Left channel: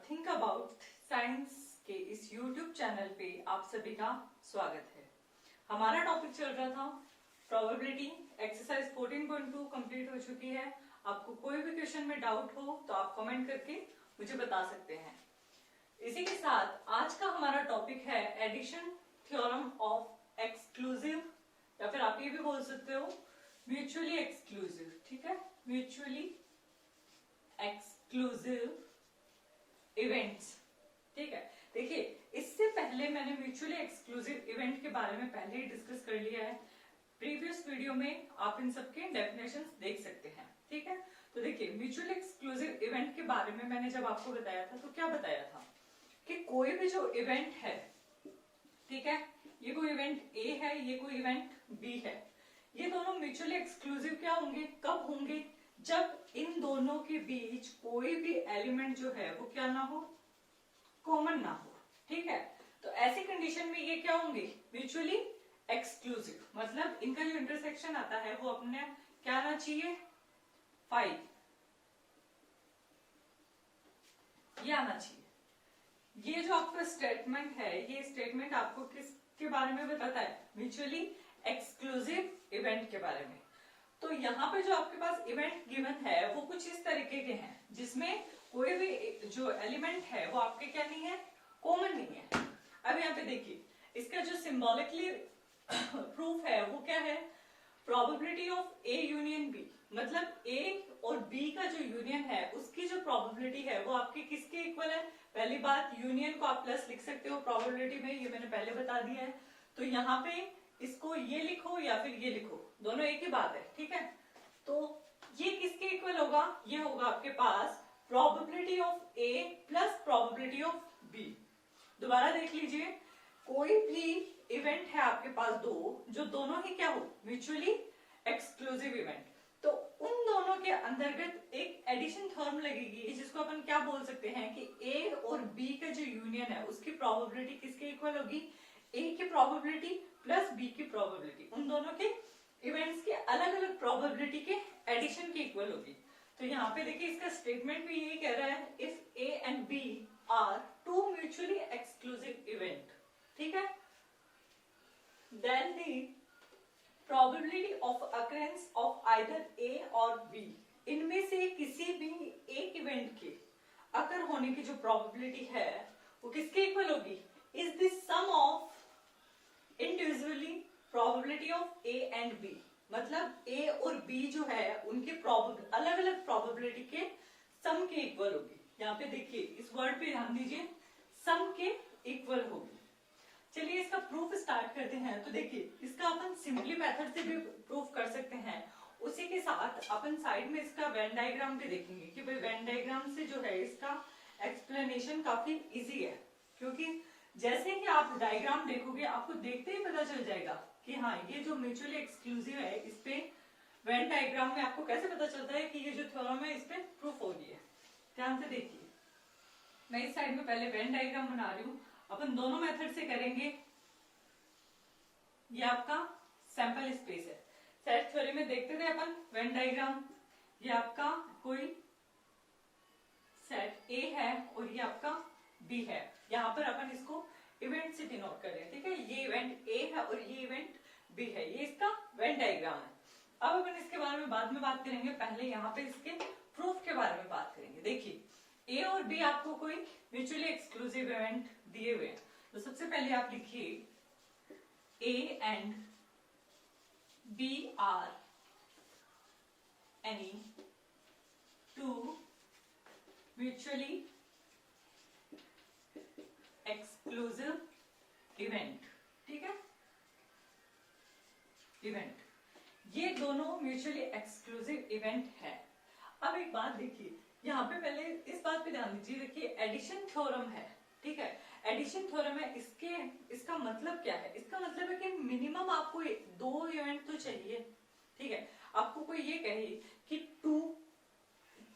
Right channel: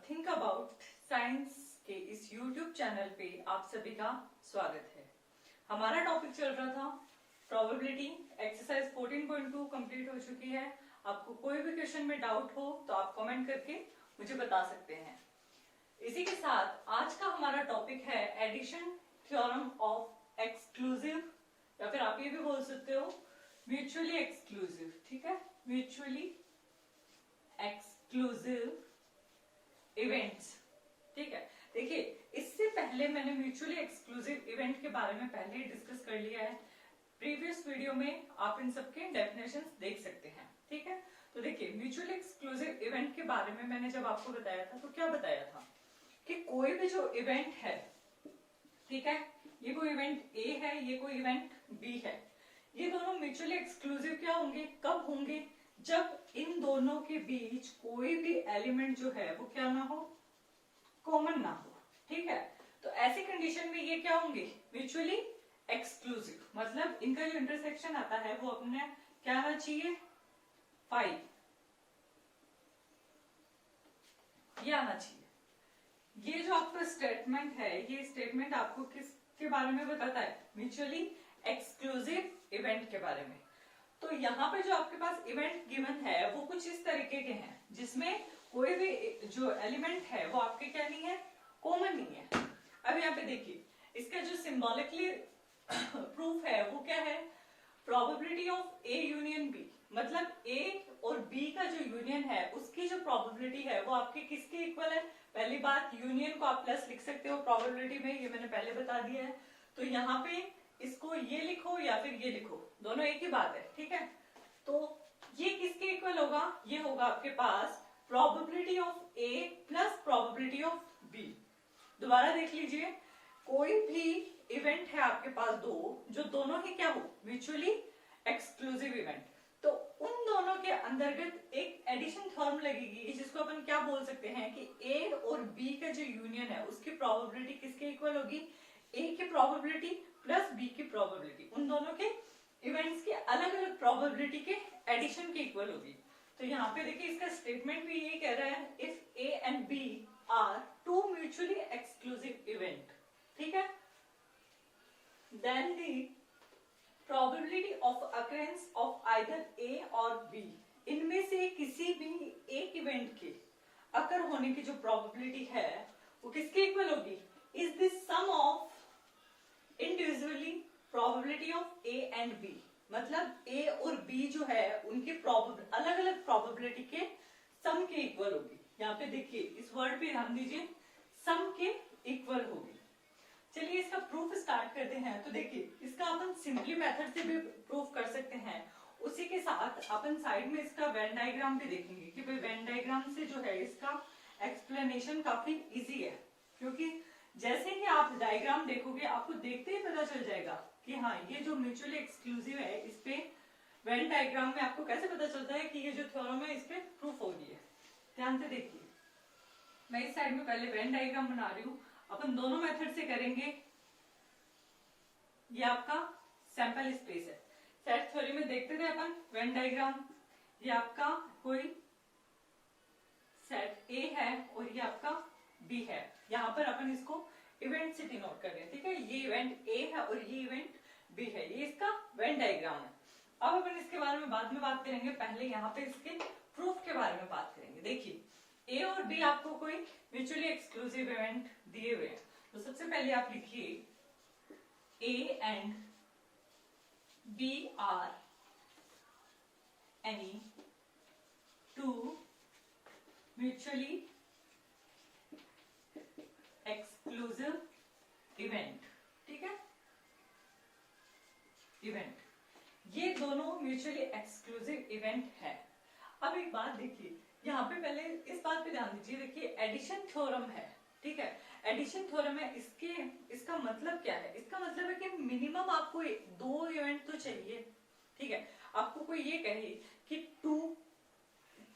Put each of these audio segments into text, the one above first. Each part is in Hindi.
थिंक अबाउट साइंस के इस YouTube चैनल पे आप सभी का स्वागत है। हमारा टॉपिक चल रहा था प्रोबेबिलिटी। एक्सरसाइज 14.2 कंप्लीट हो चुकी है। आपको कोई भी क्वेश्चन में डाउट हो तो आप कमेंट करके मुझे बता सकते हैं। इसी के साथ आज का हमारा टॉपिक है एडिशन थ्योरम ऑफ एक्सक्लूसिव, या फिर आप ये भी बोल सकते हो म्यूचुअली एक्सक्लूसिव। ठीक है, म्यूचुअली एक्सक्लूसिव इवेंट्स। ठीक है, देखिए इससे पहले मैंने म्यूचुअली एक्सक्लूसिव इवेंट के बारे में पहले ही डिस्कस कर लिया है। प्रीवियस वीडियो में आप इन सबके डेफिनेशंस देख सकते हैं। ठीक है, तो देखिए म्यूचुअली एक्सक्लूसिव इवेंट के बारे में मैंने जब आपको बताया था तो क्या बताया था कि कोई भी जो इवेंट है, ठीक है, ये कोई इवेंट ए है, ये कोई इवेंट बी है, ये दोनों म्यूचुअली एक्सक्लूसिव क्या होंगे, कब होंगे, जब इन दोनों के बीच कोई भी एलिमेंट जो है वो क्या ना हो, कॉमन ना हो। ठीक है, तो ऐसी कंडीशन में ये क्या होंगे, म्यूचुअली एक्सक्लूसिव। मतलब इनका जो इंटरसेक्शन आता है वो अपने क्या आना चाहिए, 5 ये आना चाहिए। ये जो आपका स्टेटमेंट है, ये स्टेटमेंट आपको किसके बारे में बताता है, म्यूचुअली एक्सक्लूसिव इवेंट के बारे में। तो यहाँ पे जो आपके पास इवेंट गिवन है वो कुछ इस तरीके के हैं जिसमें कोई भी जो एलिमेंट है वो आपके क्या नहीं है, कॉमन नहीं है। अब यहाँ पे देखिए इसका जो सिंबॉलिकली प्रूफ है वो क्या है, probability of A union B. मतलब ए और बी का जो यूनियन है उसकी जो प्रोबेबिलिटी है वो आपकी किसके इक्वल है। पहली बात, यूनियन को आप प्लस लिख सकते हो प्रोबेबिलिटी में, ये मैंने पहले बता दिया है। तो यहाँ पे इसको ये लिखो या फिर ये लिखो, दोनों एक ही बात है। ठीक है, तो ये किसके इक्वल होगा, ये होगा आपके पास probability of A plus probability of B. दोबारा देख लीजिए, कोई भी इवेंट है आपके पास दो, जो दोनों ही क्या हो, म्यूचुअली एक्सक्लूसिव इवेंट, तो उन दोनों के अंतर्गत एक एडिशन थ्योरम लगेगी जिसको अपन क्या बोल सकते हैं कि ए और बी का जो यूनियन है उसकी प्रोबेबिलिटी किसके इक्वल होगी, ए की प्रोबेबिलिटी प्लस बी की प्रोबेबिलिटी, उन दोनों के इवेंट्स के अलग अलग प्रोबेबिलिटी के एडिशन के इक्वल होगी। तो यहाँ पे देखिए इसका स्टेटमेंट भी यही कह रहा है, if A and B are two mutually exclusive event, ठीक है, then the probability of occurrence of either A और बी, इनमें से किसी भी एक इवेंट के अकर होने की जो प्रोबेबिलिटी है वो किसके इक्वल होगी, is the sum of individually probability of A and B. मतलब ए और बी जो है उनके अलग अलग प्रोबेबिलिटी के सम के इक्वल होगी। यहाँ पे देखिए इस वर्ड पे ध्यान दीजिए, सम के इक्वल होगी। चलिए इसका प्रूफ स्टार्ट करते हैं। तो देखिए इसका अपन सिंपली मेथड से भी प्रूफ कर सकते हैं, उसी के साथ अपन साइड में इसका वेन डायग्राम भी देखेंगे कि भाई वेन डायग्राम से जो है इसका एक्सप्लेनेशन काफी इजी है, क्योंकि जैसे ही आप डायग्राम देखोगे आपको देखते ही पता चल जाएगा कि हाँ ये जो म्यूचुअली एक्सक्लूसिव है, इस पे वेन डायग्राम में आपको कैसे पता चलता है कि ये जो थ्योरम है इस पे प्रूफ हो गई है। ध्यान से देखिए, मैं इस साइड में पहले वेन डायग्राम बना रही हूँ, अपन दोनों मेथड से करेंगे। ये आपका सैंपल स्पेस है, सेट थ्योरी में देखते थे अपन वेन डायग्राम। ये आपका कोई सेट ए है और ये आपका बी है। यहाँ पर अपन इसको इवेंट से डिनोट कर रहे हैं। ठीक है, ये इवेंट ए है और ये इवेंट बी है, ये इसका वेन डायग्राम है। अब अपन इसके बारे में बाद में बात करेंगे, पहले यहाँ पे इसके प्रूफ के बारे में बात करेंगे। देखिए ए और बी आपको कोई म्यूचुअली एक्सक्लूसिव इवेंट दिए हुए हैं, तो सबसे पहले आप लिखिए A and B are any two mutually exclusive event. ठीक है, इवेंट, ये दोनों म्यूचुअली एक्सक्लूसिव इवेंट है। अब एक बात देखिए, यहाँ पे पहले इस बात पे ध्यान दीजिए। देखिए एडिशन थ्योरम है, ठीक है, एडिशन थ्योरम है, इसका मतलब क्या है, इसका मतलब है कि मिनिमम आपको दो इवेंट तो चाहिए। ठीक है, आपको कोई ये कहे कि 2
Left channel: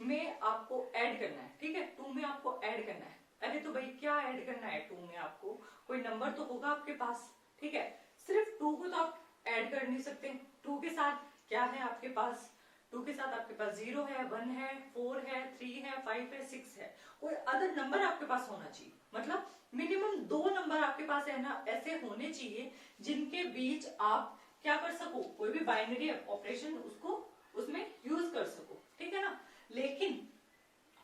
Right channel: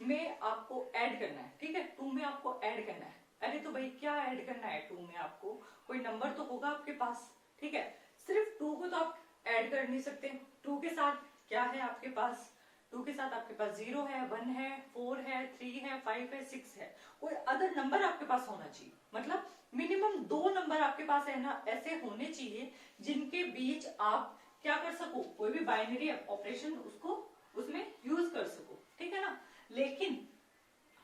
में आपको ऐड करना है, ठीक है, 2 में आपको ऐड करना है। अरे तो भाई क्या ऐड करना है 2 में, आपको कोई नंबर तो होगा आपके पास। ठीक है, सिर्फ 2 को तो आप ऐड कर नहीं सकते, 2 के साथ क्या है आपके पास 2 के साथ आपके पास 0 है, 1 है, 4 है, 3 है, 5 है, 6 है, कोई अदर नंबर आपके पास होना चाहिए। मतलब मिनिमम 2 नंबर आपके पास है ना ऐसे होने चाहिए जिनके बीच आप क्या कर सको, कोई भी बाइनरी ऑपरेशन उसको उसमें यूज कर सको, ठीक है ना। लेकिन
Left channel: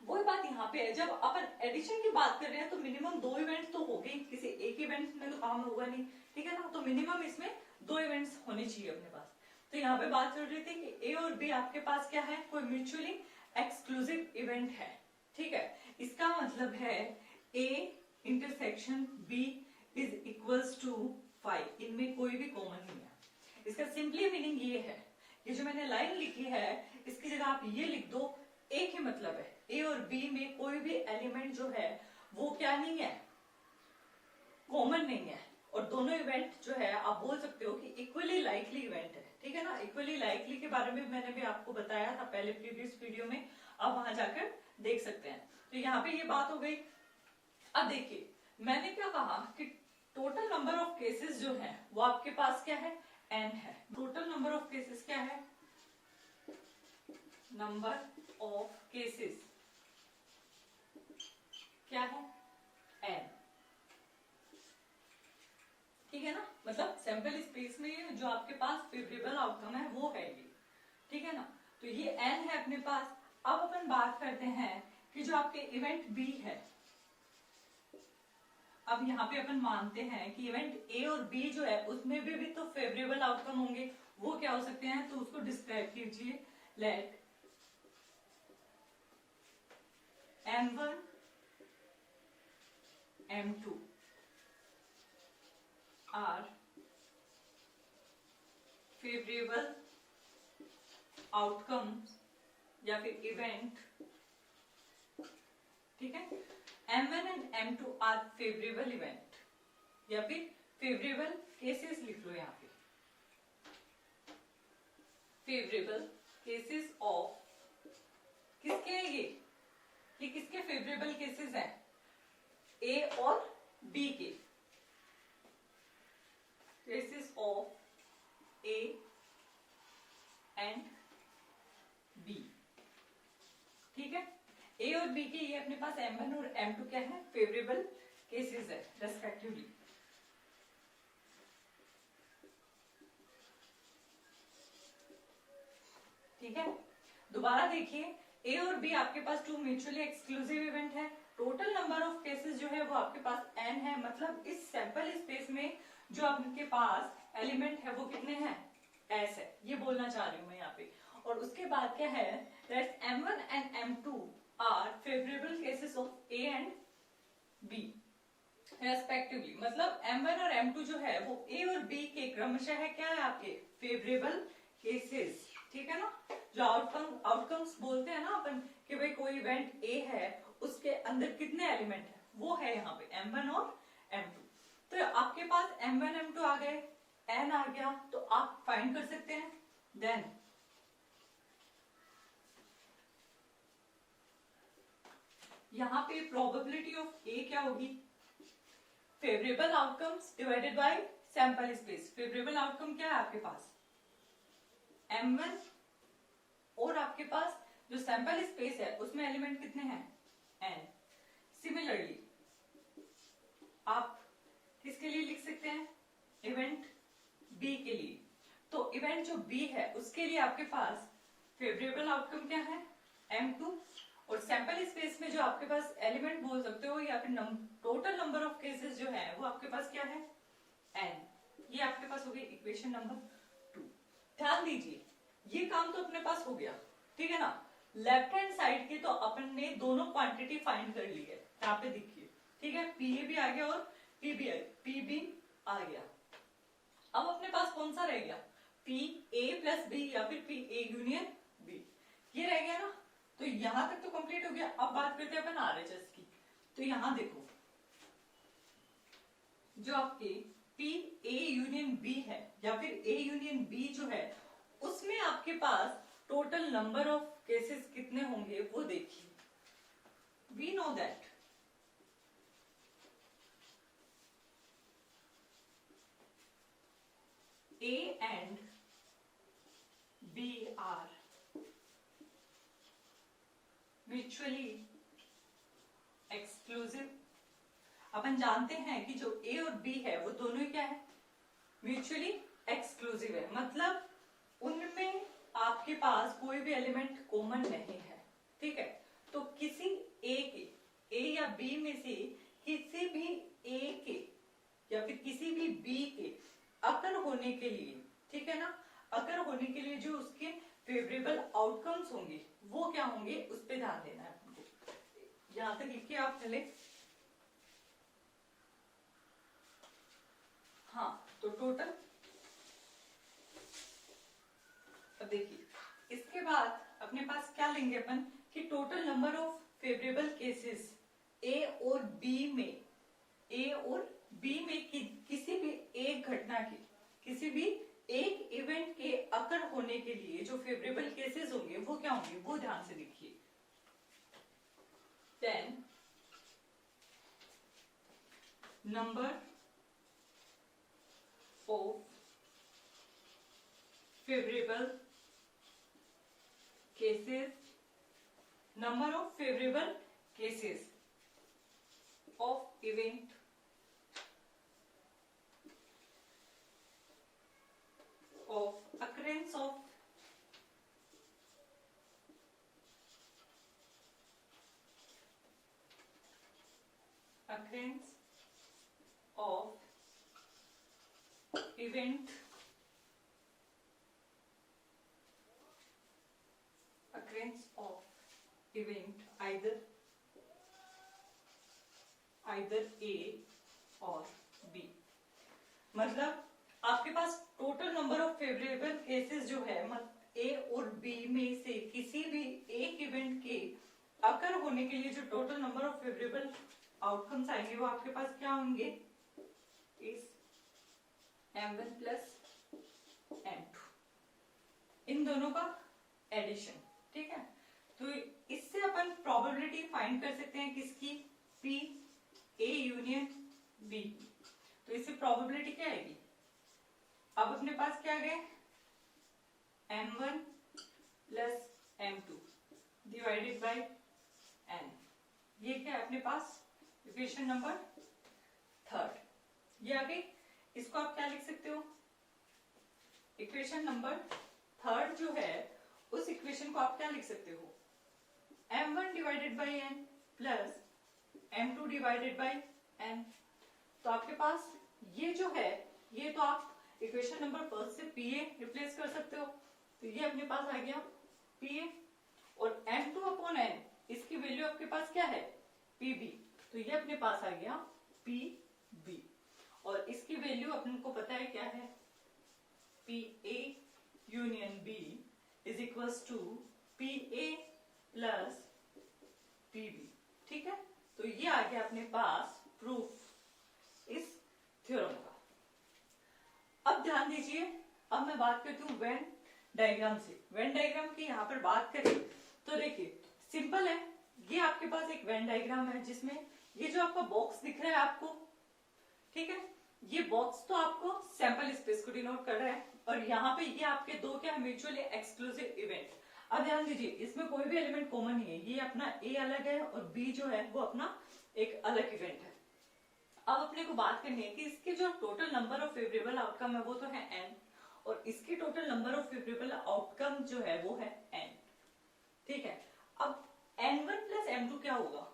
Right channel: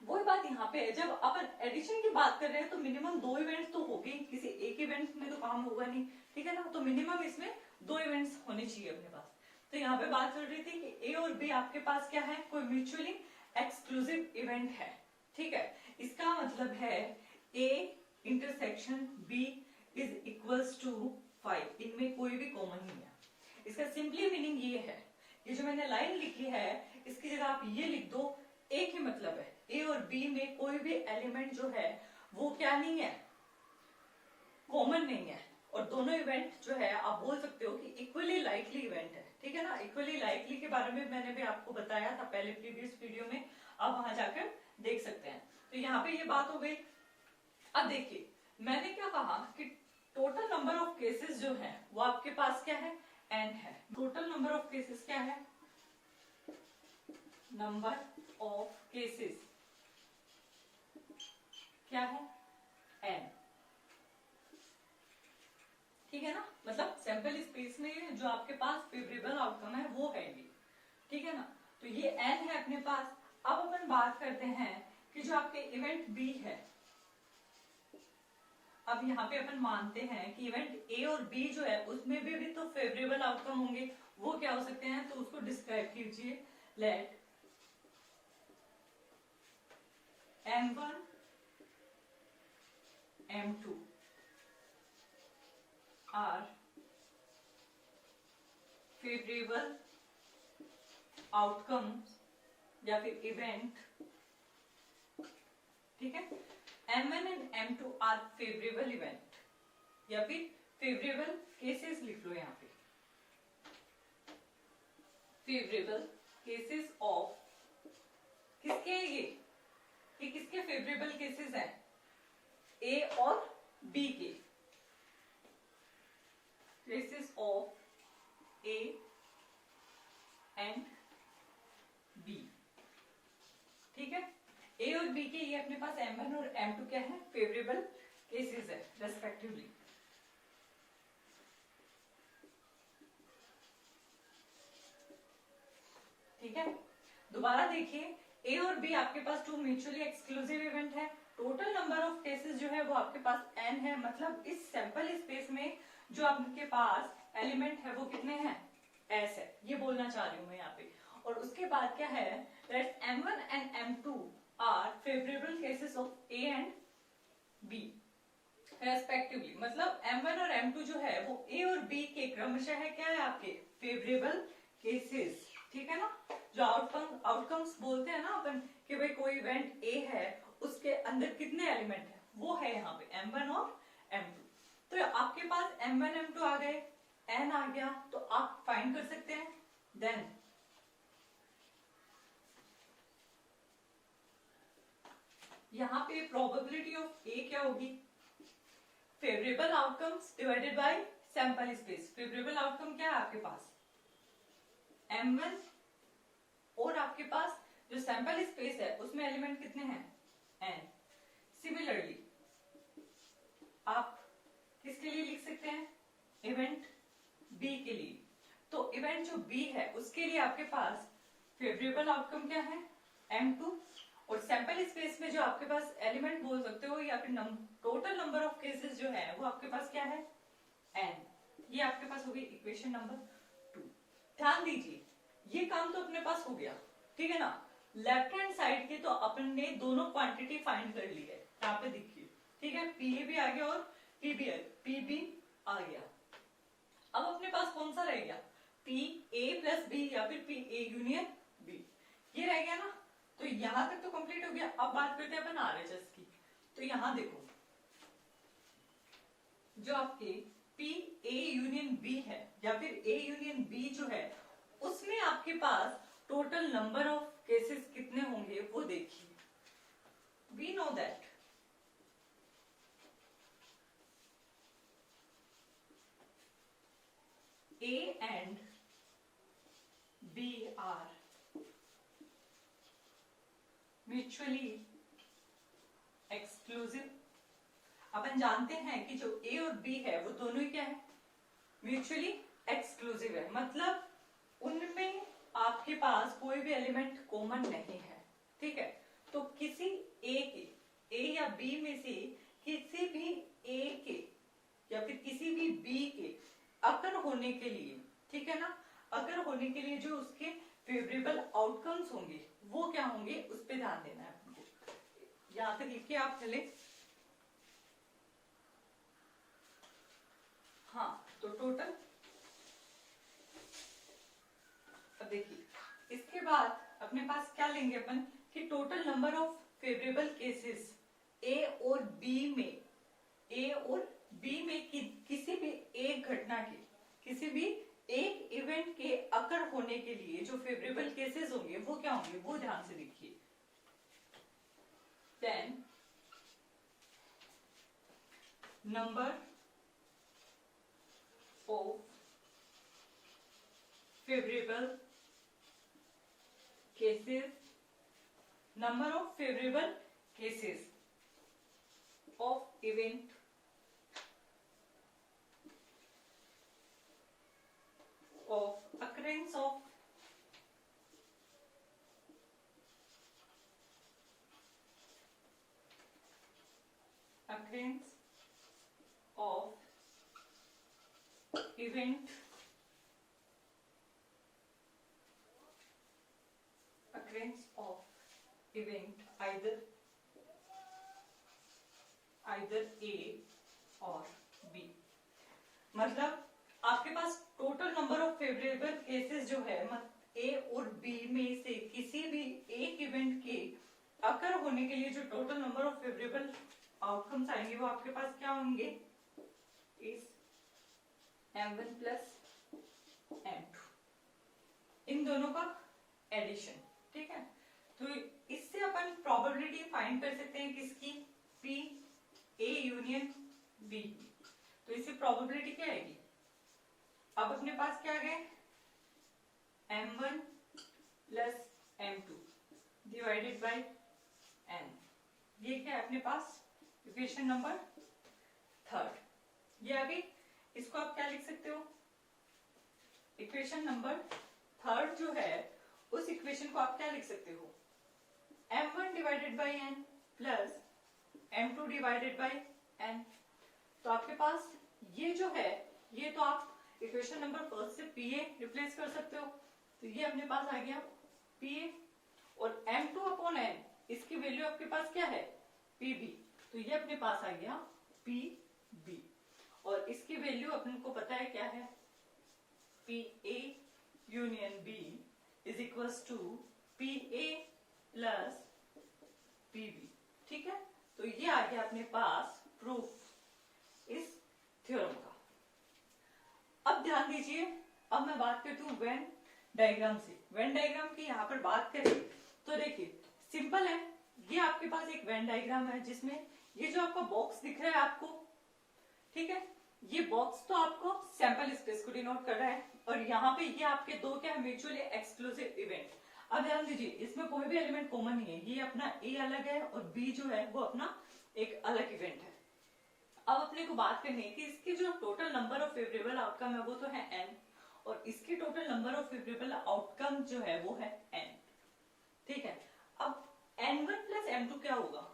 वही बात यहाँ पे है, जब अपन एडिशन की बात कर रहे हैं तो मिनिमम 2 इवेंट्स तो हो गए, किसी एक इवेंट में तो काम होगा नहीं, ठीक है ना। तो मिनिमम इसमें 2 इवेंट्स होने चाहिए अपने पास। तो यहाँ पे बात चल रही थी कि ए और बी आपके पास क्या है, कोई म्यूचुअली एक्सक्लूसिव इवेंट है, ठीक है। इसका मतलब है A intersection B is equals to 5, इनमें कोई भी कॉमन नहीं है। इसका सिंपली मीनिंग ये है, ये जो मैंने लाइन लिखी है इसकी जगह आप ये लिख दो, एक ही मतलब है, ए और बी में कोई भी एलिमेंट जो है वो क्या नहीं है, कॉमन नहीं है। और दोनों इवेंट जो है आप बोल सकते हो कि इक्वली लाइकली इवेंट है, ठीक है ना। इक्वली लाइकली के बारे में मैंने भी आपको बताया था पहले प्रीवियस वीडियो में, आप वहां जाकर देख सकते हैं। तो यहाँ पे ये बात हो गई। अब देखिए मैंने क्या कहा कि टोटल नंबर ऑफ केसेस जो है वो आपके पास क्या है, n है। टोटल नंबर ऑफ केसेस क्या है, नंबर ऑफ केसेस क्या है, n, ठीक है ना। मतलब सैंपल स्पेस में जो आपके पास फेवरेबल आउटकम है वो है ये, ठीक है ना। तो ये n है अपने पास। अब अपन बात करते हैं कि जो आपके इवेंट b है, अब यहाँ पे अपन मानते हैं कि इवेंट ए और बी जो है उसमें भी तो फेवरेबल आउटकम होंगे, वो क्या हो सकते हैं, तो उसको डिस्क्राइब कीजिए। Late M1 M2 are favourable outcome या फिर इवेंट, ठीक है। M1 and M2 are favourable event या फिर फेवरेबल केसेस लिख लो यहाँ पे, फेवरेबल केसेस ऑफ, किसके है ये किसके फेवरेबल केसेस हैं, ए और बी के, cases of A and B, ठीक है। ए और बी के ये अपने पास M1 और M2 क्या है, फेवरेबल केसेस है रेस्पेक्टिवली। ठीक है, दोबारा देखिए, ए और बी आपके पास 2 म्यूचुअली एक्सक्लूसिव इवेंट है। टोटल नंबर ऑफ केसेस जो है वो आपके पास n है। मतलब इस सैंपल स्पेस में जो आपके पास एलिमेंट है वो कितने हैं, s है, ये बोलना चाह रही हूं मैं यहाँ पे। और उसके बाद क्या है, that M1 and M2 are favourable cases of A and B respectively. मतलब M1 और M2 जो है वो A और B के क्रमशः है क्या है, आपके फेवरेबल केसेस, ठीक है ना। जो आउटकम्स बोलते हैं ना अपन कि भाई कोई इवेंट ए है उसके अंदर कितने एलिमेंट है, वो है यहाँ पे M1 और M2। तो आपके पास M1 M2 आ गए, n आ गया, तो आप फाइंड कर सकते हैं। देन यहाँ पे प्रोबेबिलिटी ऑफ ए क्या होगी, favourable outcomes divided by sample space. Favourable outcome क्या है आपके पास, M1, और आपके पास जो सैंपल स्पेस है उसमें एलिमेंट कितने हैं, n। सिमिलरली आप किसके लिए लिख सकते हैं, इवेंट B के लिए। तो इवेंट जो B है उसके लिए आपके पास फेवरेबल आउटकम क्या है, M2, और सैंपल स्पेस में जो आपके पास एलिमेंट बोल सकते हो या फिर टोटल नंबर ऑफ केसेस जो है वो आपके पास क्या है, n। ये आपके पास हो गई इक्वेशन नंबर 2। ध्यान दीजिए ये काम तो अपने पास हो गया, ठीक है ना। लेफ्ट हैंड साइड की तो अपन ने दोनों क्वांटिटी फाइंड कर ली है, यहाँ पे देखिए, ठीक है। PA भी आ गया और PB आ गया। अब अपने पास कौन सा रह गया, PA प्लस B या फिर PA यूनियन B, ये रह गया ना। तो यहां तक तो कंप्लीट हो गया। अब बात करते हैं अपन RHS की। तो यहां देखो जो आपके PA यूनियन B है या फिर A यूनियन B जो है उसमें आपके पास टोटल नंबर ऑफ केसेस कितने होंगे वो देखिए। We know that A and B are mutually exclusive. अपन जानते हैं कि जो ए और बी है वो दोनों ही क्या है, म्यूचुअली एक्सक्लूसिव है, मतलब उनमें आपके पास कोई भी एलिमेंट कॉमन नहीं है। ठीक है, तो किसी ए या बी में से किसी भी ए के या फिर किसी भी बी के अकर होने के लिए, ठीक है ना, अकर होने के लिए जो उसके फेवरेबल आउटकम्स होंगे वो क्या होंगे, उस पर ध्यान देना है आपको। यहां तक लिखिए आप चले। हाँ, तो टोटल, अब देखिए इसके बाद अपने पास क्या लेंगे अपन कि total number of favourable cases A और बी में, ए और बी में किसी भी एक घटना की, किसी भी एक इवेंट के अकर होने के लिए जो फेवरेबल केसेस होंगे वो क्या होंगे, वो ध्यान से देखिए। Then number of favourable cases, number of favourable cases of event of occurrence of event occurrence of event either A और B। मतलब आपके पास total number of favourable cases जो है ए और बी में से किसी भी एक इवेंट के अकर होने के लिए जो total number of favourable outcomes आएंगे वो आपके पास क्या होंगे, इस M1 प्लस M2, इन दोनों का एडिशन। ठीक है, तो इससे अपन प्रोबेबिलिटी फाइंड कर सकते हैं किसकी, P A यूनियन B। तो इससे प्रोबेबिलिटी क्या आएगी, अब अपने पास क्या है, M1 plus M2 divided by N। ये क्या है अपने पास, इक्वेशन नंबर थर्ड। ये आ गई, इसको आप क्या लिख सकते हो, इक्वेशन नंबर थर्ड जो है उस इक्वेशन को आप क्या लिख सकते हो, M1 divided by N plus M2 divided by N। तो आपके पास ये जो है, ये तो आप इक्वेशन नंबर फर्स्ट से PA रिप्लेस कर सकते हो, तो ये अपने पास आ गया PA, और M2 अपॉन N इसकी वैल्यू आपके पास क्या है, PB, तो ये अपने पास आ गया PB, और इसकी वैल्यू अपने को पता है क्या है, PA union B is equals to PA plus PB। ठीक है, तो ये आ गया अपने पास प्रूफ इस थ्योरम का। अब ध्यान दीजिए, अब मैं बात करती हूँ वेन डायग्राम से। वेन डायग्राम की यहाँ पर बात करें तो देखिए सिंपल है, ये आपके पास एक वेन डायग्राम है जिसमें ये जो आपका बॉक्स दिख रहा है आपको, ठीक है, ये बॉक्स तो आपको सैंपल स्पेस को डिनोट कर रहा है, और यहाँ पे ये आपके दो क्या है, म्यूचुअली एक्सक्लूसिव इवेंट। अब ध्यान दीजिए, इसमें कोई भी एलिमेंट कॉमन नहीं है, ये अपना ए अलग है और बी जो है वो अपना एक अलग इवेंट है। अब अपने को बात करनी है कि इसके जो total number of favourable outcome है वो तो है n, और इसके total number of favourable outcome जो है वो है n। ठीक है, अब n1 प्लस m2 क्या होगा,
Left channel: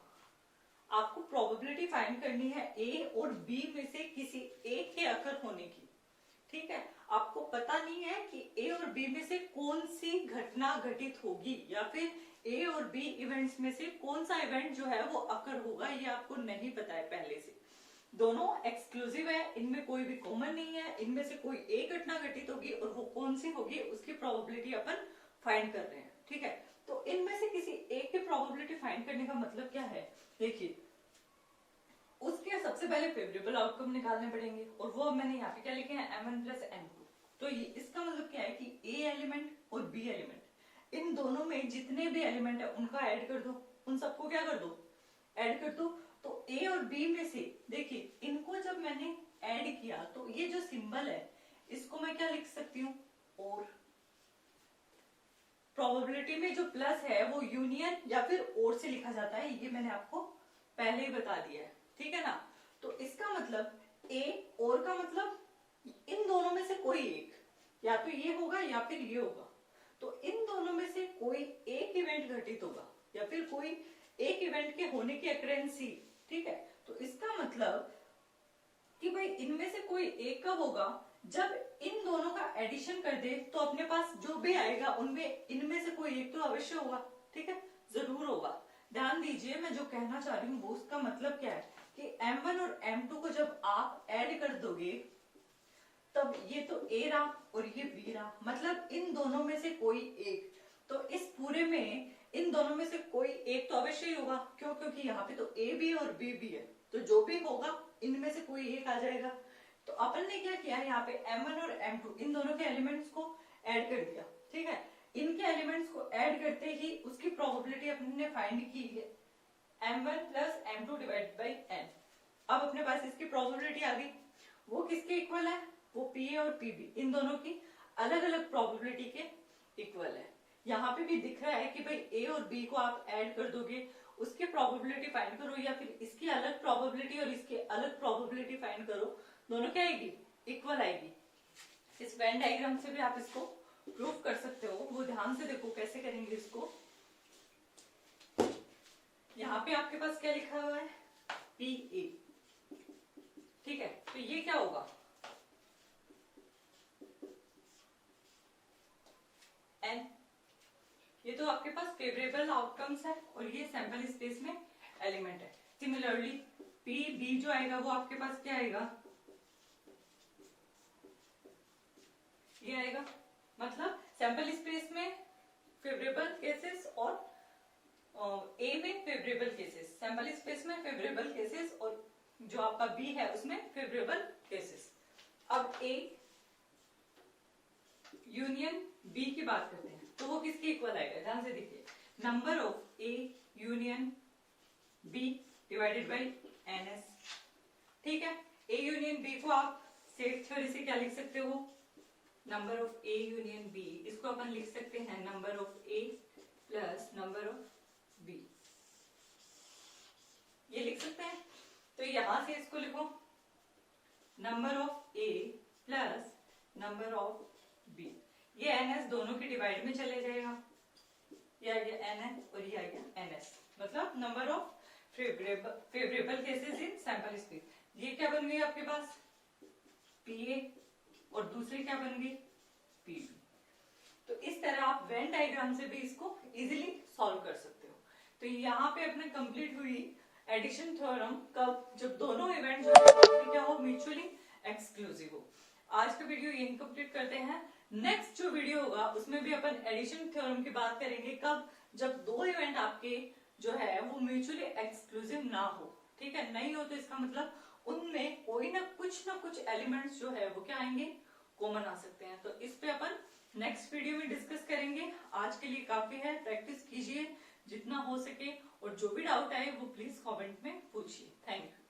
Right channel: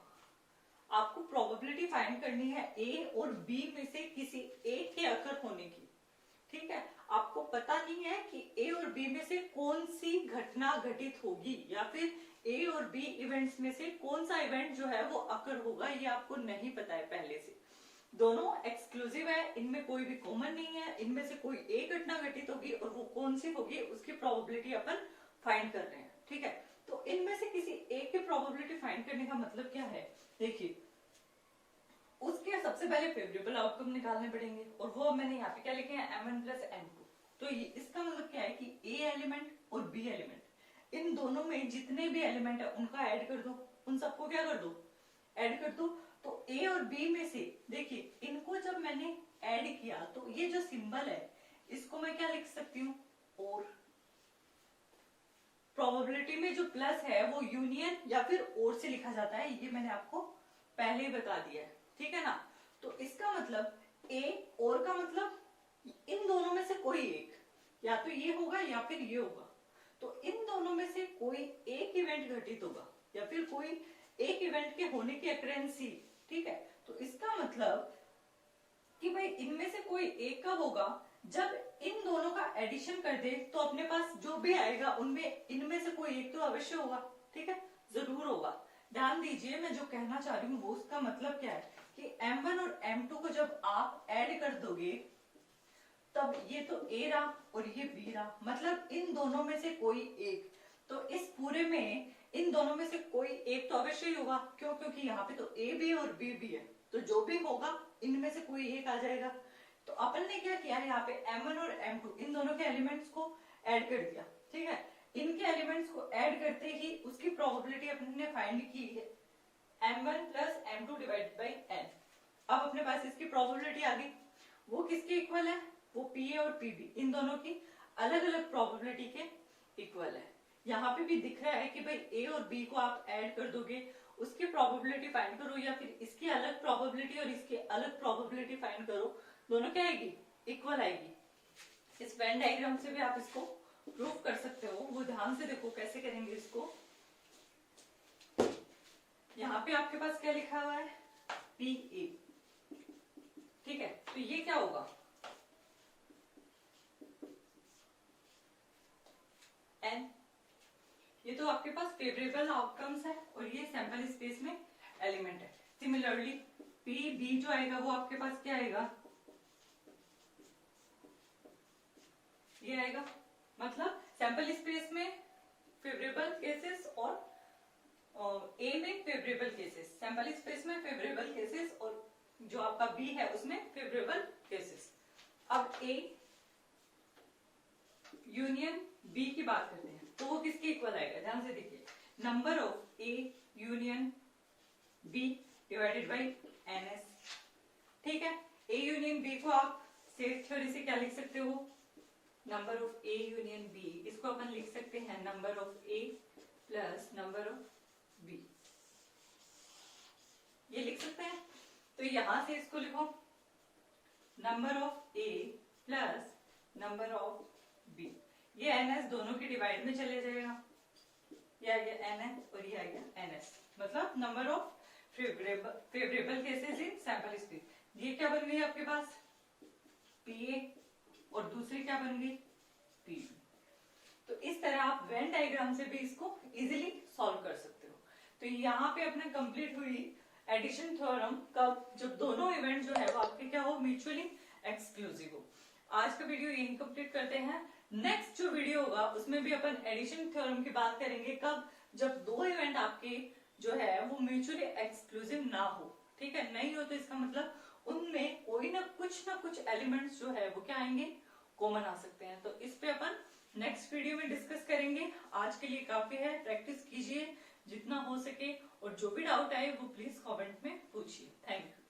आपको प्रोबेबिलिटी फाइंड करनी है ए और बी में से किसी एक के अकर होने की। ठीक है, आपको पता नहीं है कि ए और बी में से कौन सी घटना घटित होगी, या फिर ए और बी इवेंट्स में से कौन सा इवेंट जो है वो अकर होगा, ये आपको नहीं पता है पहले से। दोनों एक्सक्लूसिव है, इनमें कोई भी कॉमन नहीं है, इनमें से कोई एक घटना घटित होगी और वो कौन सी होगी उसकी प्रोबेबिलिटी अपन फाइंड कर रहे हैं। ठीक है, तो इनमें से किसी एक की प्रोबेबिलिटी फाइंड करने का मतलब क्या है, देखिए उसके सबसे पहले फेवरेबल आउटकम निकालने पड़ेंगे, और वो मैंने यहाँ पे क्या लिखे हैं, M1 प्लस M2। तो ये इसका मतलब क्या है कि A एलिमेंट और B एलिमेंट, इन दोनों में जितने भी एलिमेंट है उनका ऐड कर दो, उन सबको क्या कर दो, ऐड कर दो। तो A और B में से देखिए इनको जब मैंने ऐड किया तो ये जो सिंबल है इसको मैं क्या लिख सकती हूँ, और प्रोबेबिलिटी में जो प्लस है वो यूनियन या फिर और से लिखा जाता है, ये मैंने आपको पहले ही बता दिया है, ठीक है ना। तो इसका मतलब ए और का मतलब इन दोनों में से कोई एक, या तो ये होगा या फिर ये होगा। तो इन दोनों में से कोई एक इवेंट घटित होगा या फिर कोई एक इवेंट के होने की अक्रेंसी, ठीक है। तो इसका मतलब कि भाई इनमें से कोई एक कब होगा, जब इन दोनों का एडिशन कर दे तो अपने पास जो भी आएगा उनमें इनमें से कोई एक तो अवश्य होगा, ठीक है, जरूर होगा। ध्यान दीजिए मैं जो कहना चाह रही हूँ वो उसका मतलब क्या है कि M1 और M2 को जब आप ऐड कर दोगे तब ये तो A रहा और ये B रहा, मतलब इन दोनों में से कोई एक। तो इस पूरे में इन दोनों में से कोई एक तो अवश्य ही होगा, क्यों, क्योंकि यहाँ पे तो A भी है और B भी है, तो जो भी होगा इनमें से कोई एक आ जाएगा। तो अपन ने क्या किया है, यहाँ पे M1 और M2 इन दोनों के एलिमेंट्स को ऐड कर दिया, ठीक है। इनके एलिमेंट्स को ऐड करते ही उसकी प्रोबेबिलिटी अपन ने फाइंड की है M1 plus M2 divide by N। अब अपने पास इसकी प्रोबेबिलिटी आ गई, वो किसके इक्वल है, वो PA और PB इन दोनों की अलग अलग प्रोबेबिलिटी के इक्वल है। यहाँ पे भी दिख रहा है कि भाई A और B को आप ऐड कर दोगे, उसकी प्रोबेबिलिटी फाइंड करो, या फिर इसकी अलग प्रोबेबिलिटी और इसकी अलग प्रोबेबिलिटी फाइंड करो, दोनों क्या आएगी, इक्वल आएगी। इस वेन डायग्राम से भी आप इसको प्रूव कर सकते हो, वो ध्यान से देखो कैसे करेंगे इसको। यहाँ पे आपके पास क्या लिखा हुआ है, PA, ठीक है। तो ये क्या होगा, N, ये तो आपके पास फेवरेबल आउटकम्स है और ये सैंपल स्पेस में एलिमेंट है। सिमिलरली PB जो आएगा वो आपके पास क्या आएगा, ये आएगा, मतलब सैंपल स्पेस में फेवरेबल केसेस और A में फेवरेबल केसेस, सैंपल स्पेस में फेवरेबल केसेस और जो आपका B है उसमें फेवरेबल केसेस। अब A यूनियन B की बात करते हैं तो वो किसके इक्वल आएगा, ध्यान से देखिए, number of A union B divided by NS, ठीक है। A यूनियन B को आप सेट थ्योरी से क्या लिख सकते हो, number of A union B, इसको अपन लिख सकते हैं number of A plus number of B, ये लिख सकते हैं। तो यहां से इसको लिखो number of A plus number of B, ये NS दोनों के डिवाइड में चले जाएगा, ये आ गया NN और ये आ गया NS, मतलब number of favourable cases in sample space. ये क्या बन गई आपके पास, PA और दूसरी क्या बन गई, PB। तो इस तरह आप वेन डायग्राम से भी इसको इजीली सॉल्व कर सकते हो। तो यहाँ पे अपने कंप्लीट हुई एडिशन थ्योरम, कब, जब दोनों इवेंट जो है आपके क्या हो, म्यूचुअली एक्सक्लूसिव हो। आज का वीडियो यही कंप्लीट करते हैं। नेक्स्ट जो वीडियो होगा उसमें भी अपन एडिशन थ्योरम की बात करेंगे, कब, जब दो इवेंट आपके जो है वो म्यूचुअली एक्सक्लूसिव ना हो, ठीक है। नहीं हो तो इसका मतलब उनमें कोई ना कुछ एलिमेंट्स जो है वो क्या आएंगे, कॉमन आ सकते हैं। तो इस पे अपन नेक्स्ट वीडियो में डिस्कस करेंगे। आज के लिए काफी है, प्रैक्टिस कीजिए जितना हो सके और जो भी डाउट आए वो प्लीज कमेंट में पूछिए। Thank you.